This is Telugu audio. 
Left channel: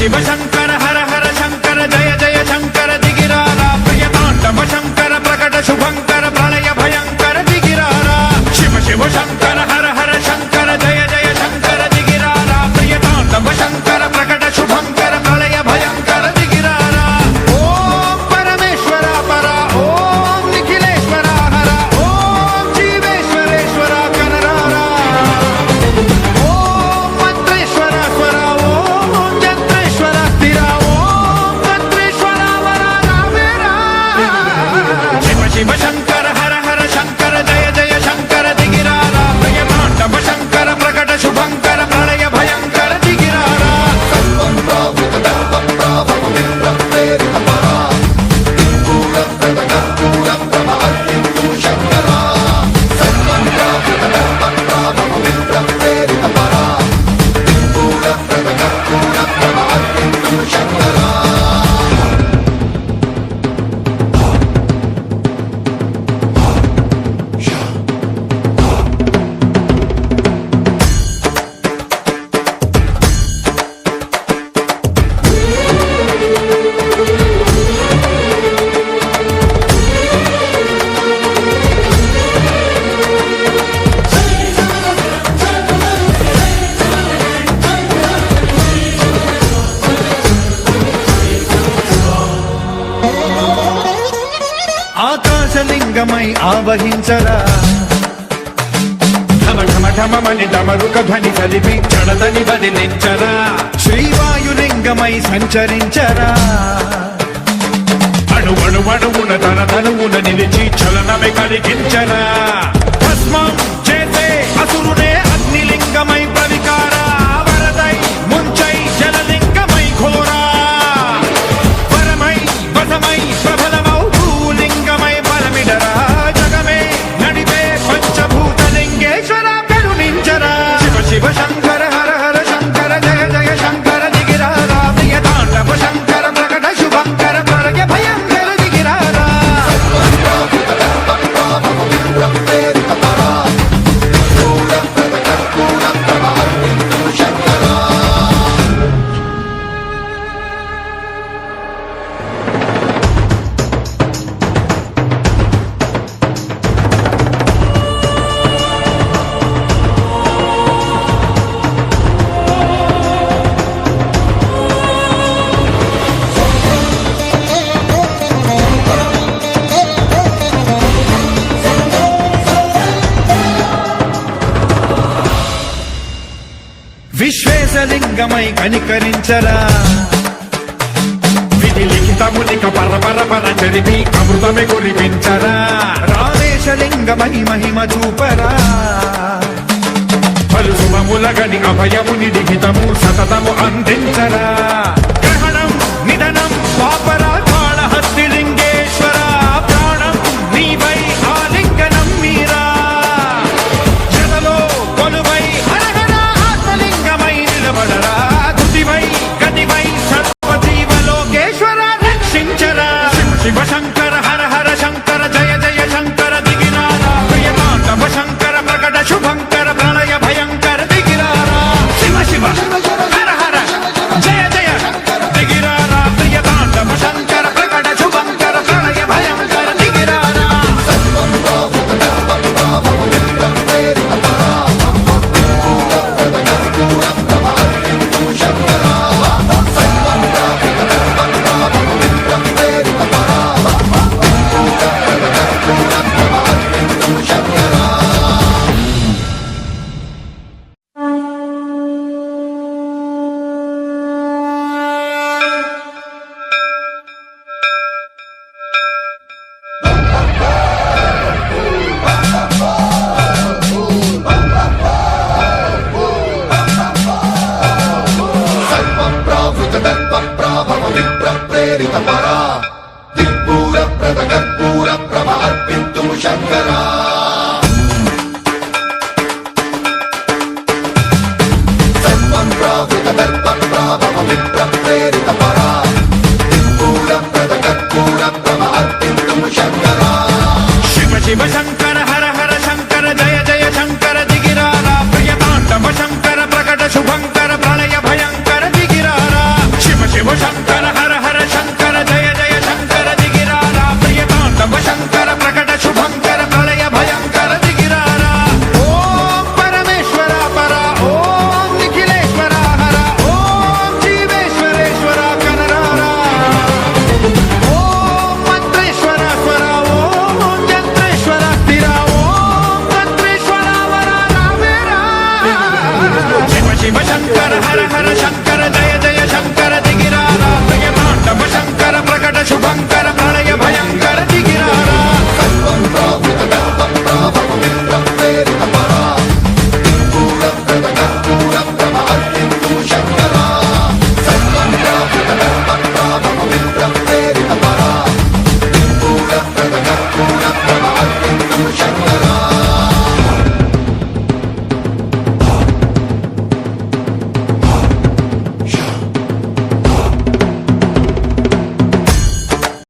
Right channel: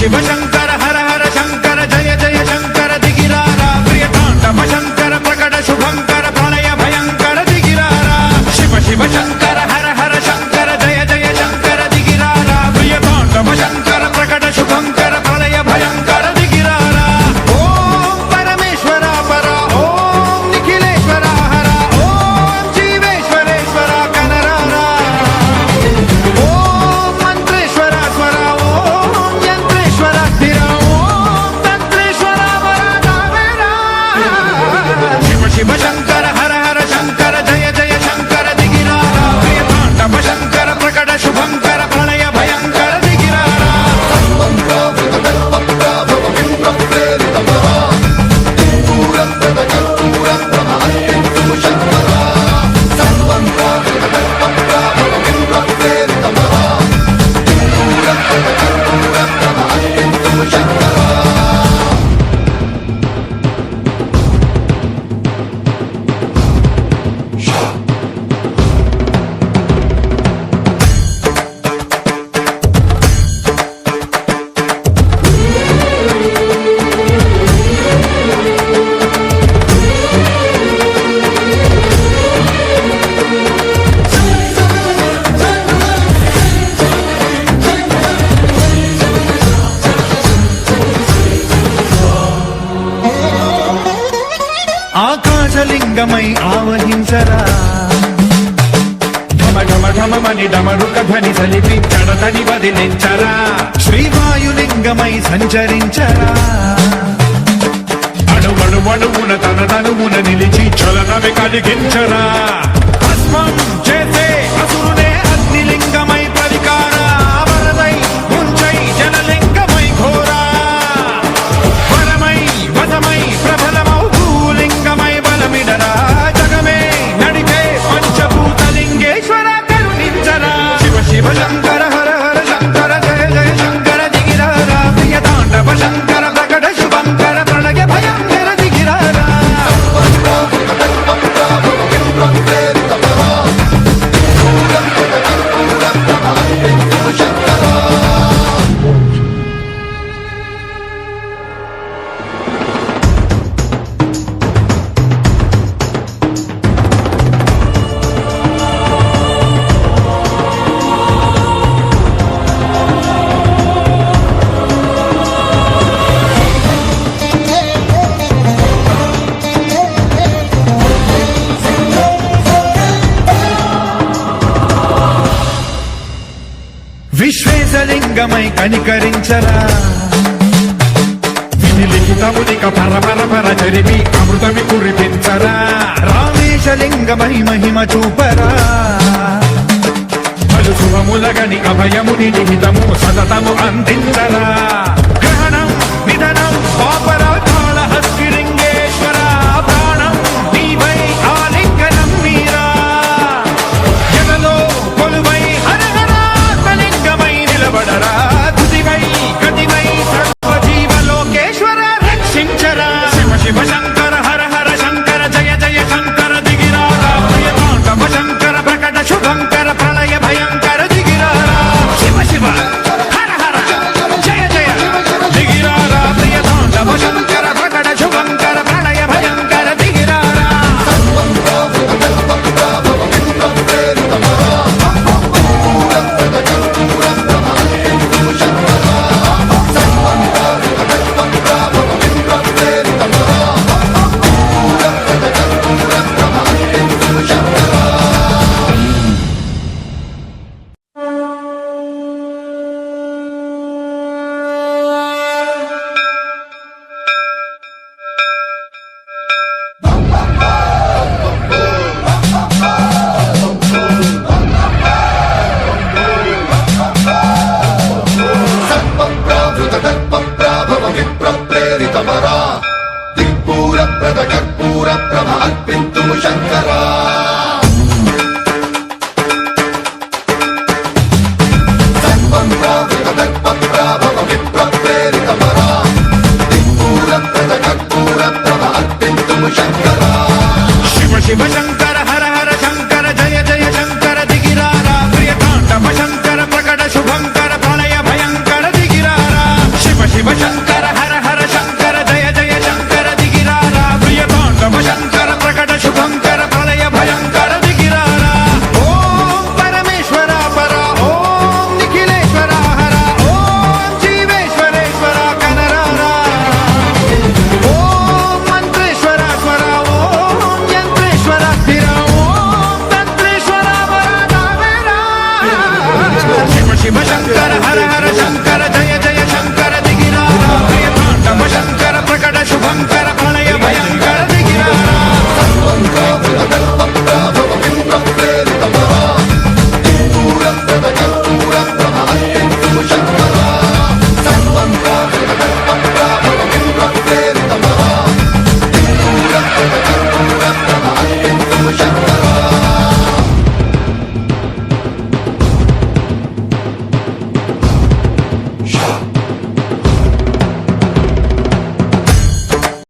शिव शंकर हर हर शंकर जय जय शंकर दिगिरारा प्रियतांडव शंकर प्रकट शुभंकर प्रलय भयंकर दिगिरारा शिव शिव शंकर हर हर शंकर जय जय शंकर दिगिरारा प्रियतांडव शंकर प्रकट शुभंकर प्रलय भयंकर दिगिरारा ओम परमेश्वरा परा ओम निखिलेश्वरा हरा ओम जीवेश्वरेश्वरा कररारा ओम मंत्रेश्वरा स्वरा ओम यंत्रेश्वरा स्थिरा ओम तंत्रेश्वरा वरा नामेरा शिव शिव शंकर हर हर शंकर जय जय शंकर दिगिरारा प्रियतांडव शंकर प्रकट शुभंकर प्रलय भयंकर दिगिरारा ఆకాశలింగమై ఆవహించరా ఢమ ఢమ ఢమమని డమరుక ధ్వని సలిపి జడదని వదిలించరా శ్రీవాయులింగమై సంచరించరా అణువణువున తన తనువున నిలిచి చలనమే కలిగించరా భస్మం చేసే అసురునే అగ్నిలింగమై పరికారా వరదై ముంచై జలలింగమై ఘోరా వరమై వధమై ప్రబలమౌ భూలింగమై బలమిడరా జగమే నడిపే పంచభూతలింగేశ్వర కరుణించరా శివ శివ శంకర హర హర శంకర జయ జయ శంకర దిగిరారా ప్రియతాండవ శంకర ప్రకట శుభంకర ప్రళయ భయంకర దిగిరారా విశ్వేశలింగమై కనికరించరా విధి లిఖితమునిక పరపర చరిపి అమృతమి కురిపించరా రామేశలింగమై మహిమ చూపరా పలు శుభములగని అభయముని లిఖితము సతతము అందించరా గ్రహణం నిధనం పాపరా కాళహస్తి లింగేశ్వర ప్రాణం నీవై ఆలింగనం మీరా జలలో కొలువై హర హర ఆత్మలింగమై నిలబడరా తుదివై గతివై సర్వజీవలోకేశ్వర రక్షించరా శివ శివ శంకర హర హర శంకర జయ జయ శంకర దిగిరారా ప్రియతాండవ శంకర ప్రకట శుభంకర ప్రళయ భయంకర దిగిరారా శివ శివ హర హర జయ జయ దిగిరారా ప్రియతాండవ శంకర ప్రకట శుభంకర ప్రళయ భయంకర దిగిరారా శివ శంకర